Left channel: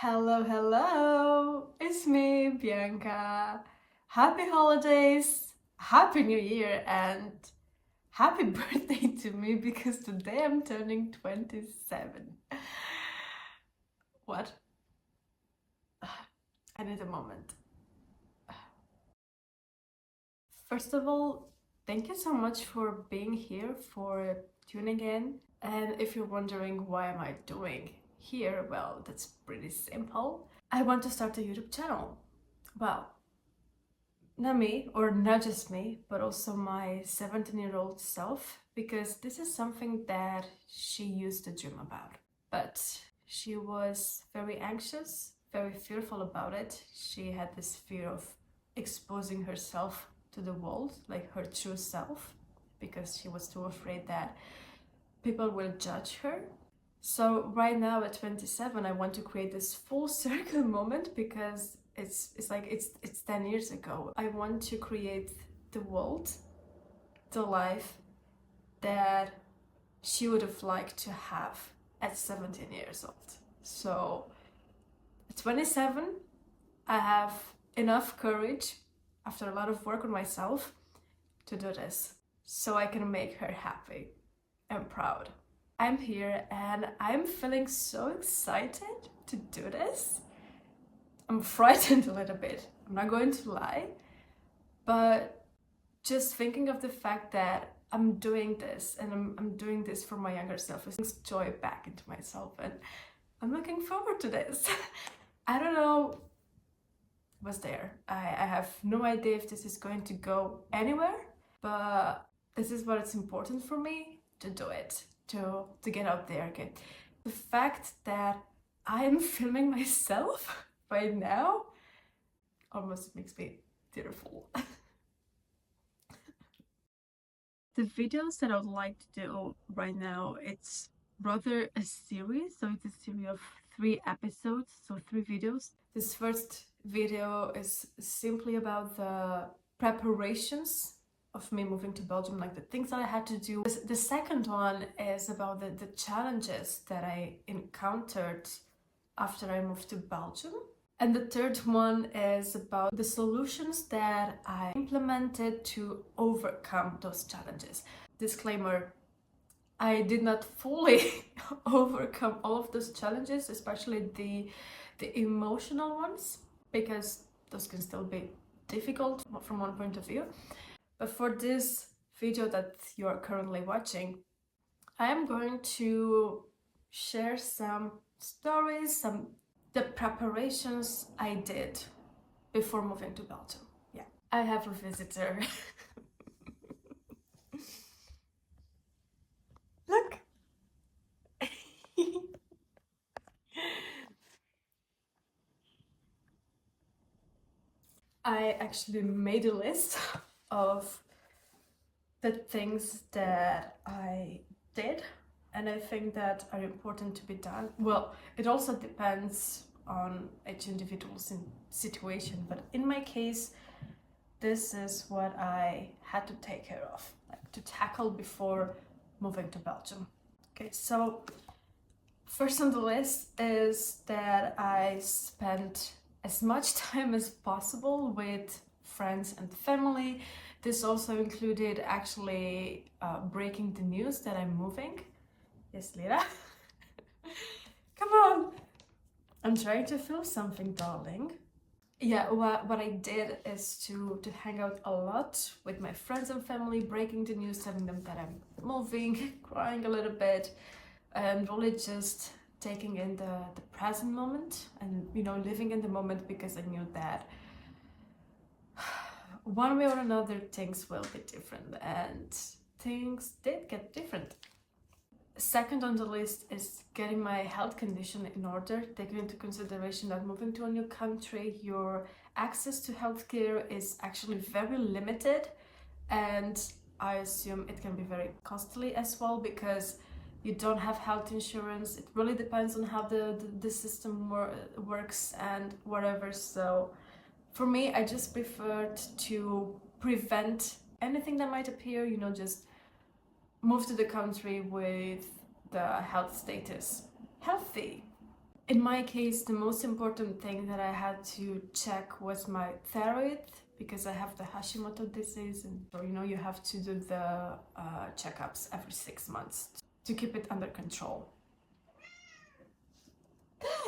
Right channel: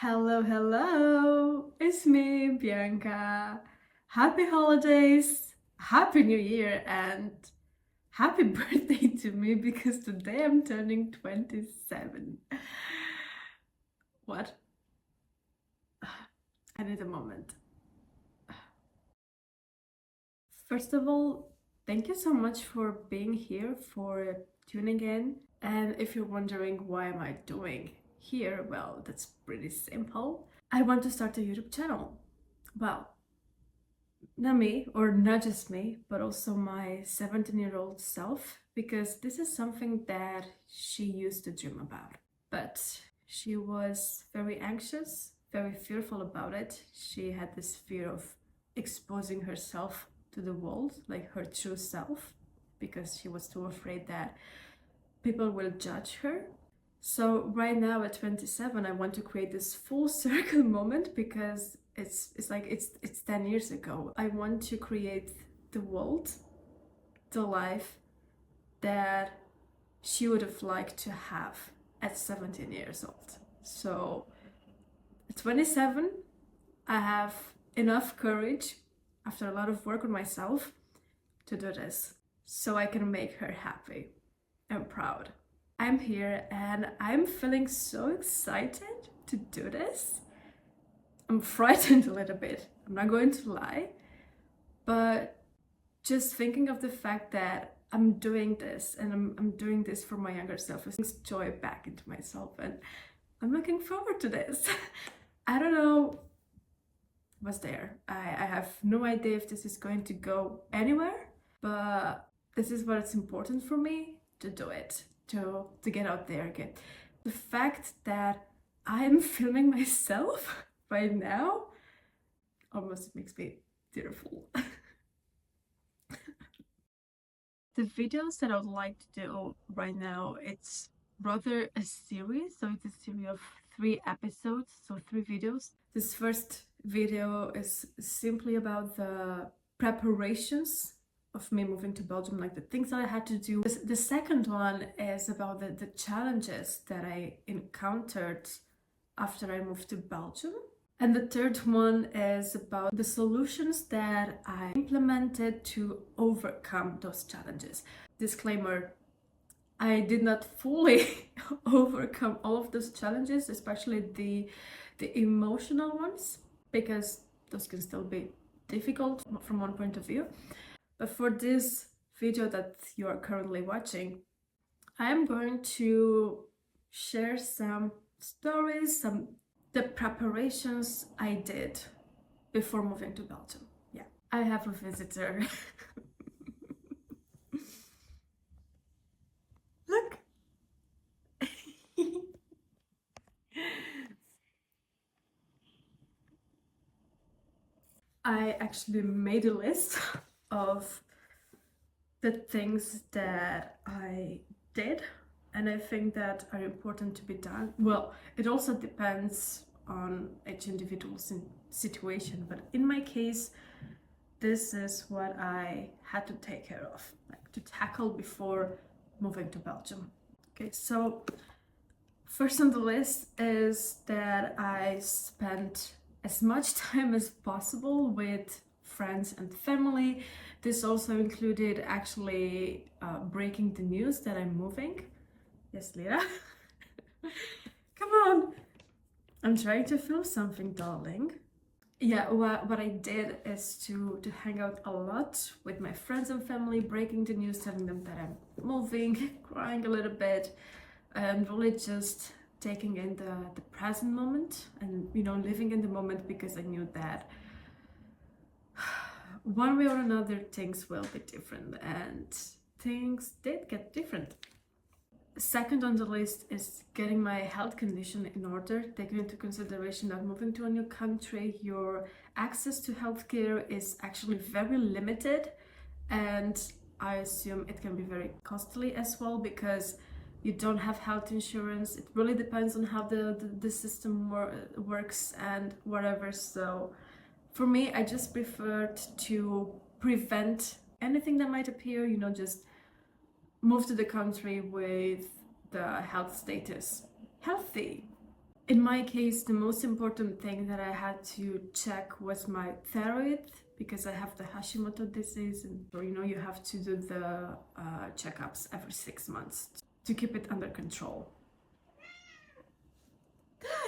Hello, hello! It's me, Bianca. Happy holidays, happy new year, and happy birthday to me because today I'm turning 27. What? I need a moment. First of all, thank you so much for being here, for tuning in. And if you're wondering why am I doing here, well, that's pretty simple. I want to start a YouTube channel. Well, not me, or not just me, but also my 17-year-old self, because this is something that she used to dream about. But she was very anxious, very fearful about it. She had this fear of exposing herself to the world, like her true self, because she was too afraid that people will judge her. So right now at 27, I want to create this full circle moment because it's like it's 10 years ago. I want to create the world, the life that she would have liked to have at 17 years old. So at 27, I have enough courage after a lot of work on myself to do this so I can make her happy and proud. I'm here and I'm feeling so excited to do this. I'm frightened a little bit, I'm not going to lie, but just thinking of the fact that I'm doing this and I'm doing this for my younger self, it brings joy back into myself and I'm looking forward to this. I don't know what's there. I have no idea if this is going to go anywhere, but this is what it's important for me to do it, to get out there again. The fact that I am filming myself right now almost makes me tearful. The videos that I would like to do right now, it's rather a series. So it's a series of 3 episodes, so 3 videos. This first video is simply about the preparations of me moving to Belgium, like the things that I had to do. The second one is about the challenges that I encountered after I moved to Belgium. And the third one is about the solutions that I implemented to overcome those challenges. Disclaimer, I did not fully overcome all of those challenges, especially the emotional ones, because those can still be difficult from one point of view. But for this video that you are currently watching, I am going to share some stories, the preparations I did before moving to Belgium. Yeah, I have a visitor. Look. I actually made a list of the things that I did and I think that are important to be done. Well, it also depends on each individual situation, but in my case, this is what I had to take care of, like to tackle before moving to Belgium. Okay, so first on the list is that I spent as much time as possible with friends and family. This also included actually breaking the news that I'm moving. Yes, Lira? Come on! I'm trying to film something, darling. Yeah, what I did is to hang out a lot with my friends and family, breaking the news, telling them that I'm moving, crying a little bit, and really just taking in the present moment and, you know, living in the moment, because I knew that one way or another things will be different, and things did get different. Second on the list is getting my health condition in order, taking into consideration that moving to a new country, your access to healthcare is actually very limited, and I assume it can be very costly as well because you don't have health insurance. It really depends on how the system works and whatever. So for me, I just preferred to prevent anything that might appear, you know, just move to the country with the health status healthy. In my case, the most important thing that I had to check was my thyroid, because I have the Hashimoto disease, and you know, you have to do the checkups every 6 months to keep it under control.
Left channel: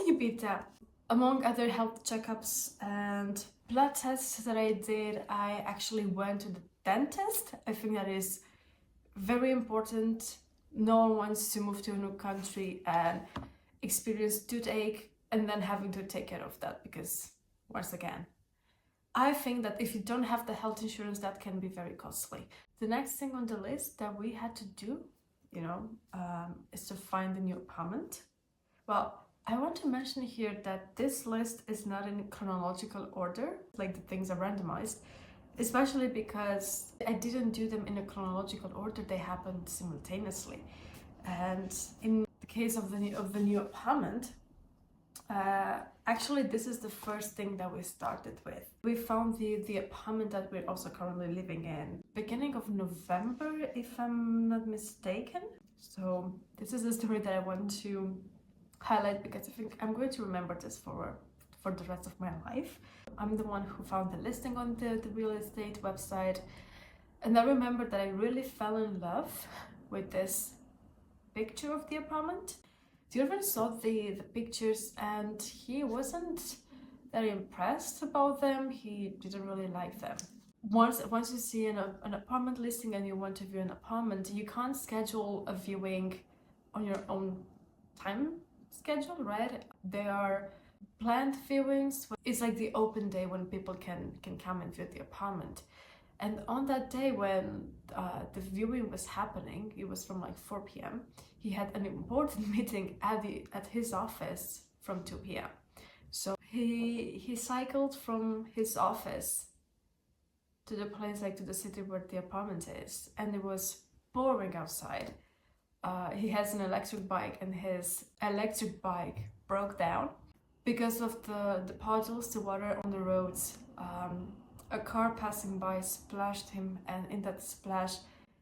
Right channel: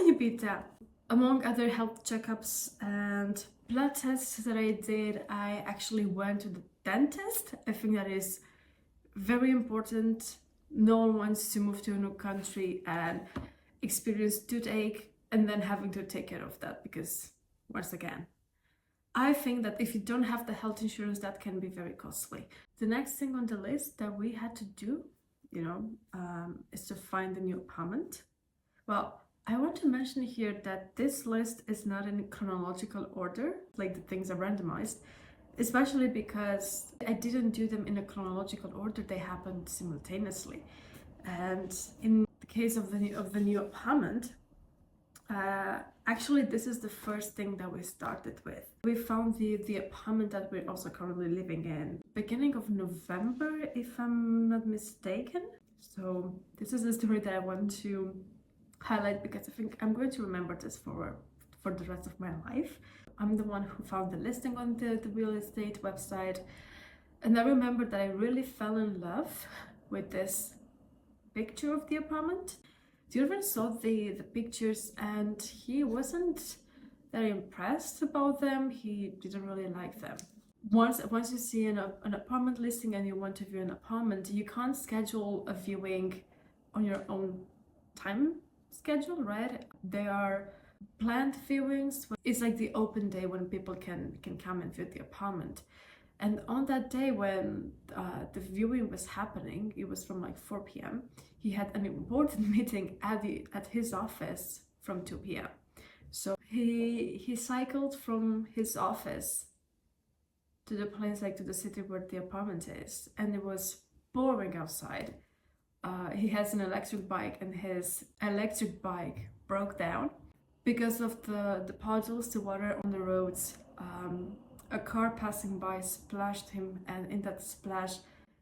You beat that. Among other health checkups and blood tests that I did, I actually went to the dentist. I think that is very important. No one wants to move to a new country and experience toothache and then having to take care of that, because once again, I think that if you don't have the health insurance, that can be very costly. The next thing on the list that we had to do, you know, is to find a new apartment. Well, I want to mention here that this list is not in chronological order, like the things are randomized, especially because I didn't do them in a chronological order, they happened simultaneously. And in the case of the new apartment, actually this is the first thing that we started with. We found the apartment that we're also currently living in beginning of November, if I'm not mistaken. So this is a story that I want to highlight because I think I'm going to remember this for the rest of my life. I'm the one who found the listing on the real estate website, and I remember that I really fell in love with this picture of the apartment. Dürren saw the pictures and he wasn't very impressed about them. He didn't really like them. Once you see an apartment listing and you want to view an apartment, you can't schedule a viewing on your own time schedule, right? They are planned viewings. It's like the open day when people can come and view the apartment. And on that day when the viewing was happening, it was from like 4 p.m. He had an important meeting at his office from 2 p.m. So he cycled from his office to the place, like to the city where the apartment is, and it was pouring outside. He has an electric bike, and his electric bike broke down because of the puddles, the water on the roads. A car passing by splashed him, and in that splash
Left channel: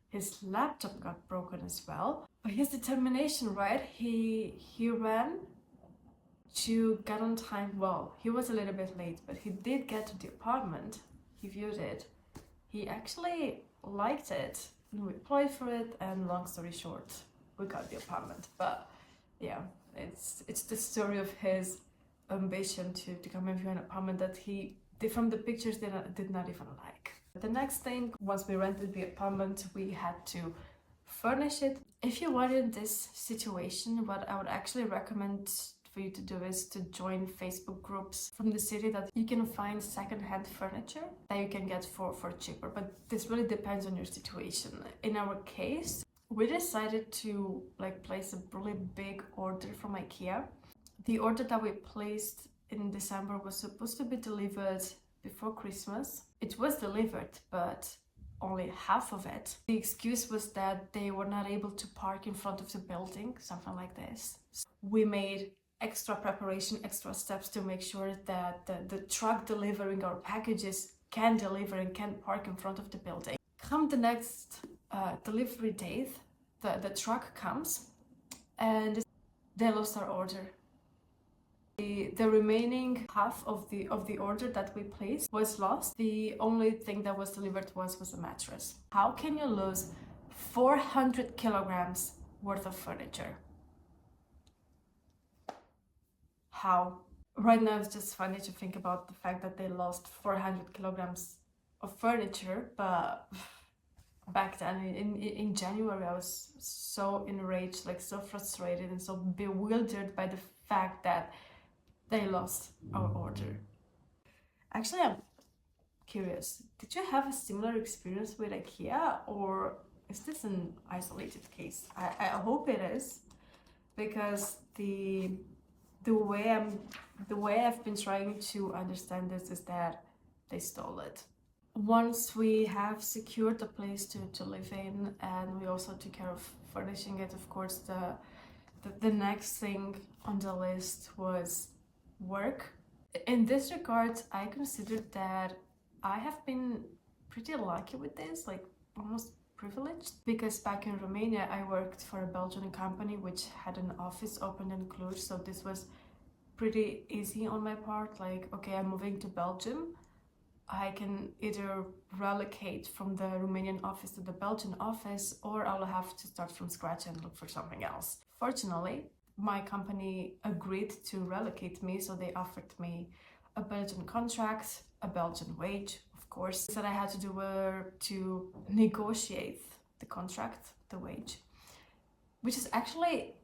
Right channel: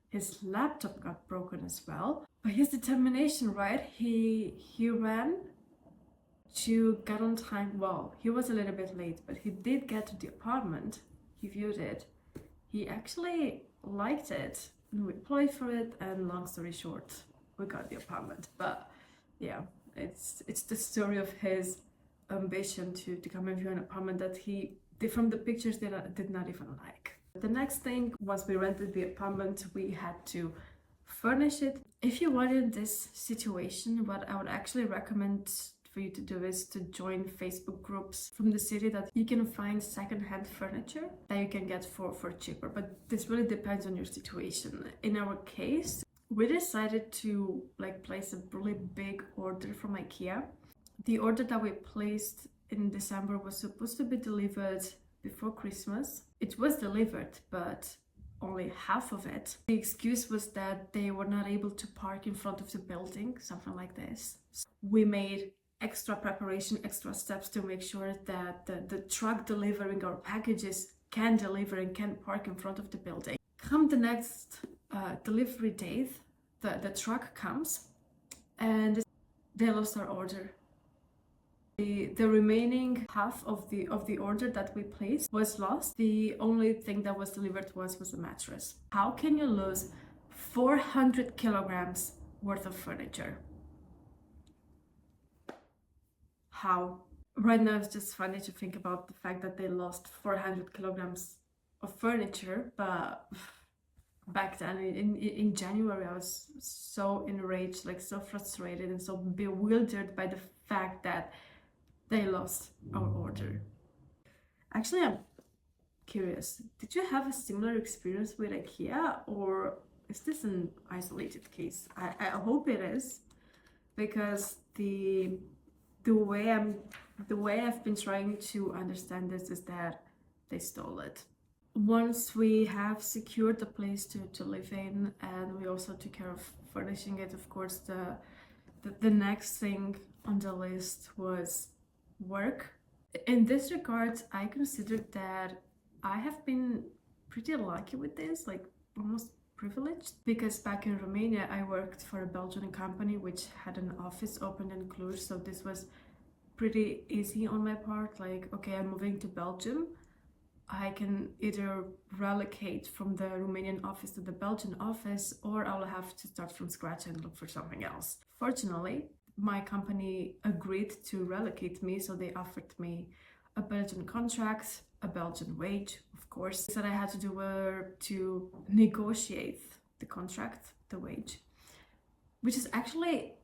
his laptop got broken as well. But his determination, right? He ran to get on time. Well, he was a little bit late, but he did get to the apartment. He viewed it. He actually liked it, and we applied for it, and long story short, we got the apartment. But yeah, it's the story of his ambition to come and view an apartment that from the pictures did not even like. The next thing, once we rented the apartment, we had to furnish it. If you are in this situation, what I would actually recommend for you to do is to join Facebook groups from the city that you can find second-hand furniture that you can get for cheaper, but this really depends on your situation. In our case, we decided to place a really big order from IKEA. The order that we placed in December was supposed to be delivered before Christmas. It was delivered, but only half of it. The excuse was that they were not able to park in front of the building, something like this. So we made extra preparation, extra steps to make sure that the truck delivering our packages can deliver and can park in front of the building. Come the next delivery date, the truck comes and they lost our order. The remaining half of the order that we placed was lost. The only thing that was delivered was a mattress. How can you lose 400 kilograms worth of furniture? How? Right now it's just funny to think about the fact that they lost 400 kilograms of furniture, but back then in January I was so enraged, so frustrated and so bewildered by the fact that they lost our order. Actually, I'm curious, did you have a similar experience with IKEA, or is this an isolated case? I hope it is, because the way I've been trying to understand this is that they stole it. Once we have secured a place to live in, and we also took care of furnishing it, of course, the next thing on the list was work. In this regard, I consider that I have been pretty lucky with this, almost privileged, because back in Romania I worked for a Belgian company which had an office open in Cluj, so this was pretty easy on my part. Like, okay, I'm moving to Belgium. I can either relocate from the Romanian office to the Belgian office, or I'll have to start from scratch and look for something else. Fortunately, my company agreed to relocate me, so they offered me a Belgian contract, a Belgian wage, of course. That I had to do were to negotiate the contract, the wage, which is actually,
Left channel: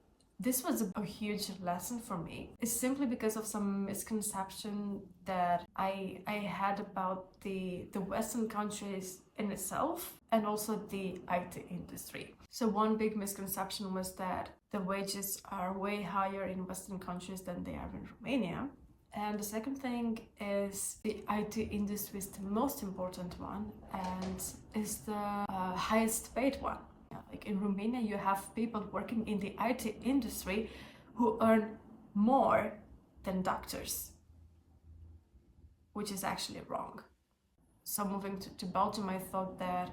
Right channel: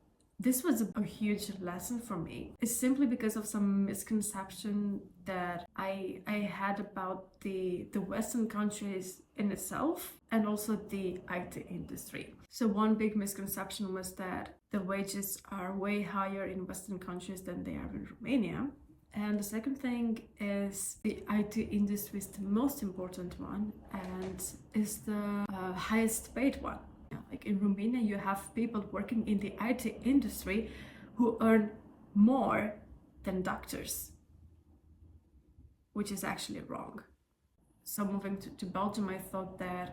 this was a huge lesson for me. It's simply because of some misconception that I had about the Western countries in itself, and also the IT industry. So one big misconception was that the wages are way higher in Western countries than they are in Romania. And the second thing is the IT industry is the most important one and is the highest paid one. Like in Romania, you have people working in the IT industry who earn more than doctors, which is actually wrong. So moving to Belgium, I thought that,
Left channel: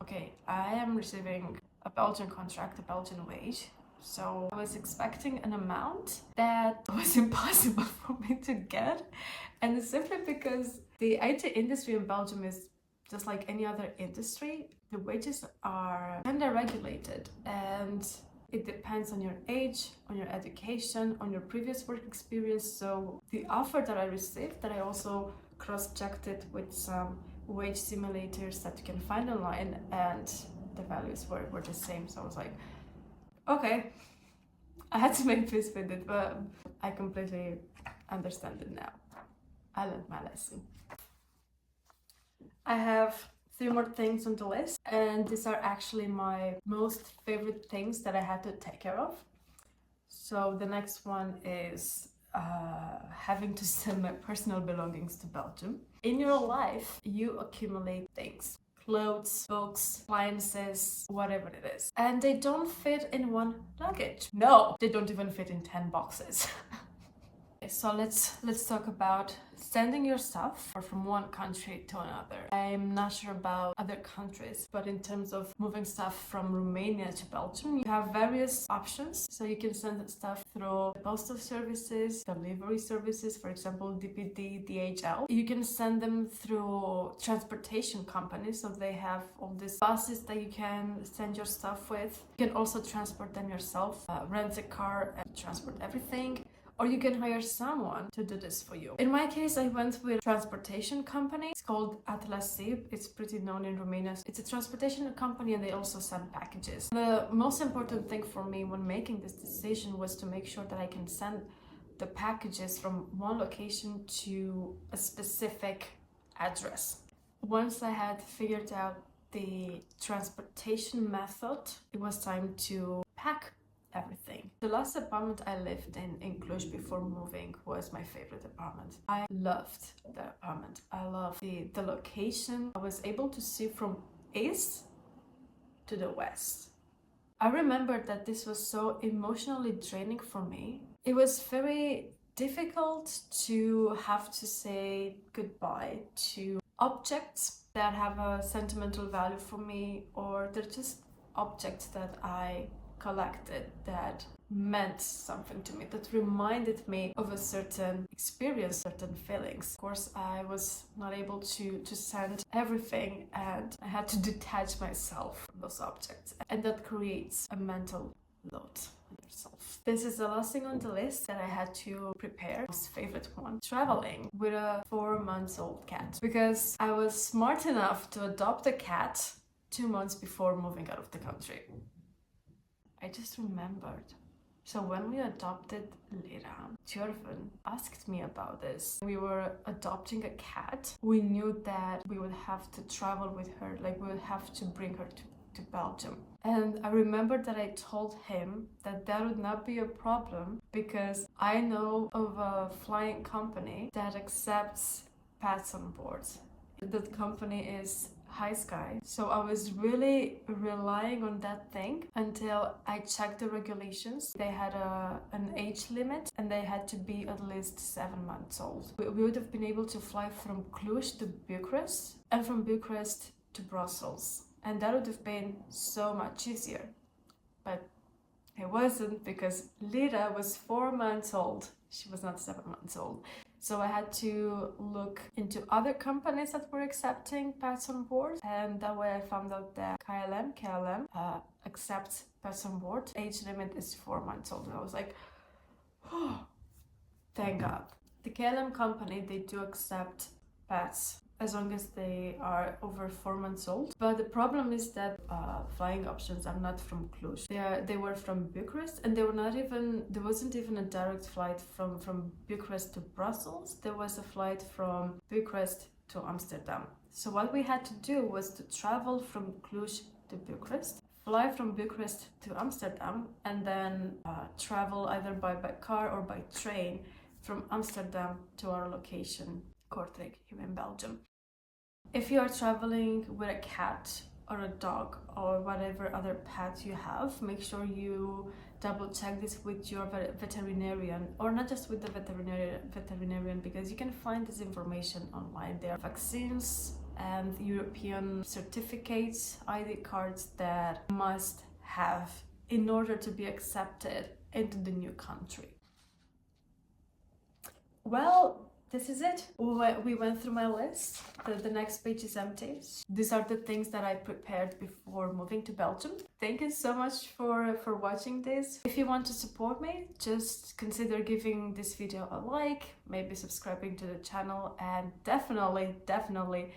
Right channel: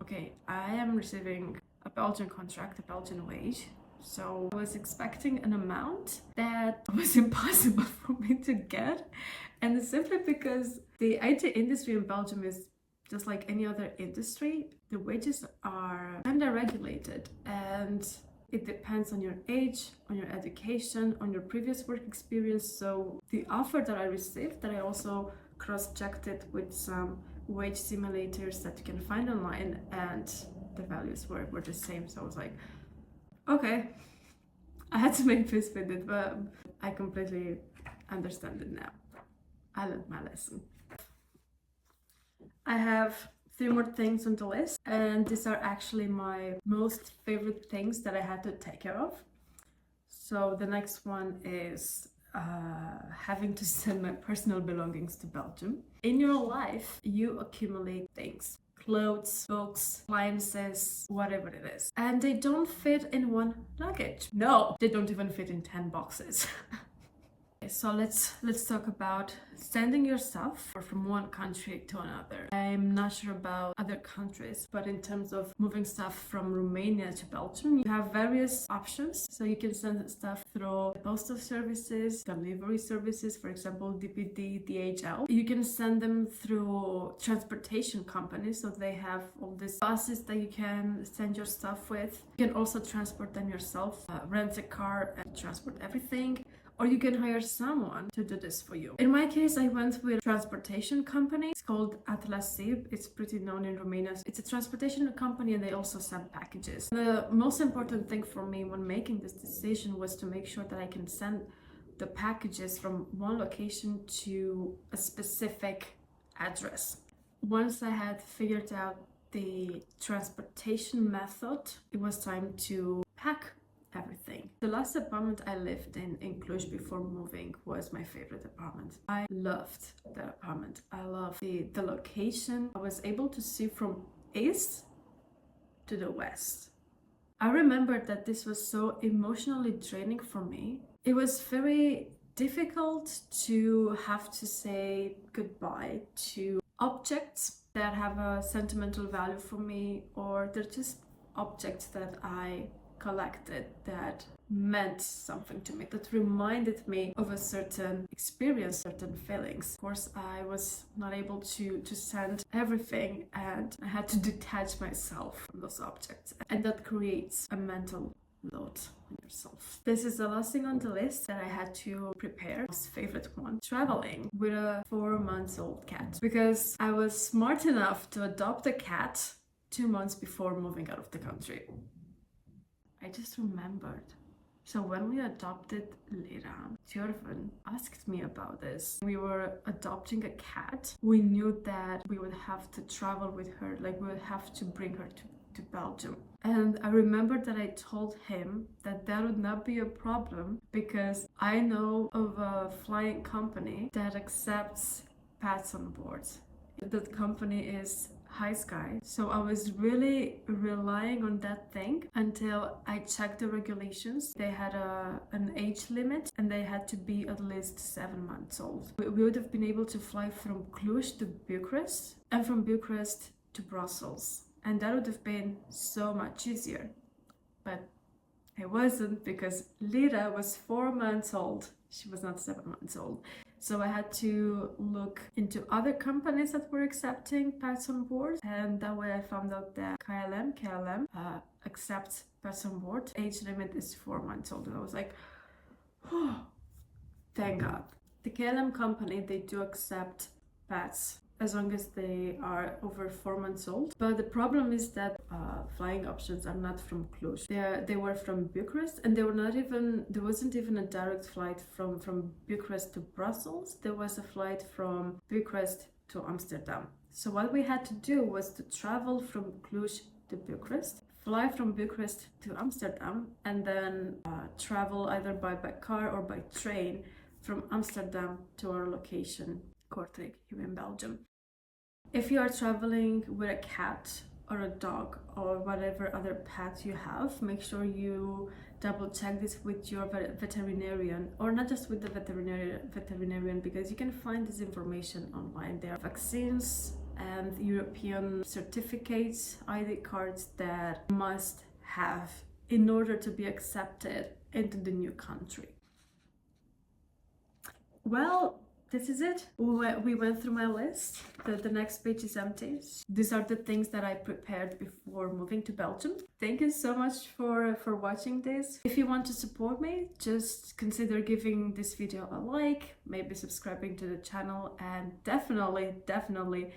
okay, I am receiving a Belgian contract, a Belgian wage. So I was expecting an amount that was impossible for me to get. And it's simply because the IT industry in Belgium is just like any other industry. The wages are kind of regulated, and it depends on your age, on your education, on your previous work experience. So the offer that I received, that I also cross-checked it with some wage simulators that you can find online, and the values were the same. So I was like, okay, I had to make peace with it, but I completely understand it now. I learned my lesson. I have 3 more things on the list, and these are actually my most favorite things that I had to take care of. So the next one is having to send my personal belongings to Belgium. In your life, you accumulate things. Clothes, books, appliances, whatever it is. And they don't fit in one luggage. No, they don't even fit in 10 boxes. So let's talk about sending your stuff from one country to another. I'm not sure about other countries, but in terms of moving stuff from Romania to Belgium, you have various options. So you can send stuff through postal services, delivery services, for example, DPD, DHL. You can send them through transportation companies, so they have all these buses that you can send your stuff with. You can also transport them yourself, rent a car and transport everything. Or you can hire someone to do this for you. In my case, I went with a transportation company. It's called Atlasib. It's pretty known in Romania. It's a transportation company, and they also send packages. The most important thing for me when making this decision was to make sure that I can send the packages from one location to a specific address. Once I had figured out the transportation method, it was time to pack everything. The last apartment I lived in Cluj before moving was my favorite apartment. I loved the apartment. I loved the location. I was able to see from east to the west. I remember that this was so emotionally draining for me. It was very difficult to have to say goodbye to objects that have a sentimental value for me, or they're just objects that I collected that meant something to me, that reminded me of a certain experience, certain feelings. Of course, I was not able to send everything, and I had to detach myself from those objects, and that creates a mental load on yourself. This is the last thing on the list that I had to prepare. My favorite one: traveling with a 4-month-old cat, because I was smart enough to adopt a cat 2 months before moving out of the country. I just remembered. So when we adopted Lira, Tjorven asked me about this. We were adopting a cat. We knew that we would have to travel with her, like we would have to bring her to Belgium. And I remember that I told him that would not be a problem, because I know of a flying company that accepts pets on board. That company is High Sky. So I was really relying on that thing until I checked the regulations. They had an age limit, and they had to be at least 7 months old. We would have been able to fly from Cluj to Bucharest, and from Bucharest to Brussels, and that would have been so much easier. But I wasn't, because Lira was 4 months old. She was not 7 months old. So I had to look into other companies that were accepting pets on board, and that way I found out that KLM accepts pets on board. Age limit is 4 months old. And I was like, oh, thank God. The KLM company, they do accept pets as long as they are over 4 months old. But the problem is that flying options are not from Cluj. They were from Bucharest, and there wasn't even a direct flight from Bucharest to Brussels. There was a flight from Bucharest to Amsterdam. So what we had to do was to travel from Cluj to Bucharest, fly from Bucharest to Amsterdam, and then travel either by car or by train from Amsterdam to our location, Kortrijk, here in Belgium. If you are traveling with a cat or a dog or whatever other pet you have, make sure you double check this with your veterinarian, or not just with the veterinarian, because you can find this information online. There are vaccines and European certificates, ID cards that you must have in order to be accepted into the new country. Well, this is it. We went through my list. The next page is empty. These are the things that I prepared before moving to Belgium. Thank you so much for watching this. If you want to support me, just consider giving this video a like, maybe subscribing to the channel, and definitely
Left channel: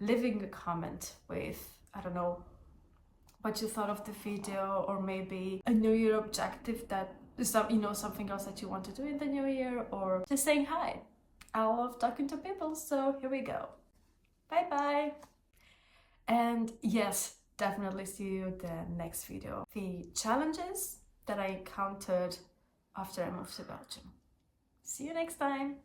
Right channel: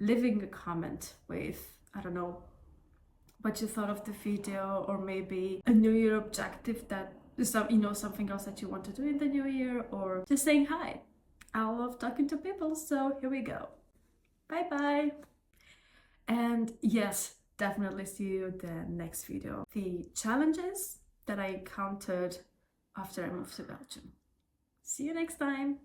leaving a comment with, I don't know, what you thought of the video, or maybe a New Year objective that something else that you want to do in the new year, or just saying hi. I love talking to people, so here we go. Bye bye. And yes, definitely see you in the next video. The challenges that I encountered after I moved to Belgium. See you next time.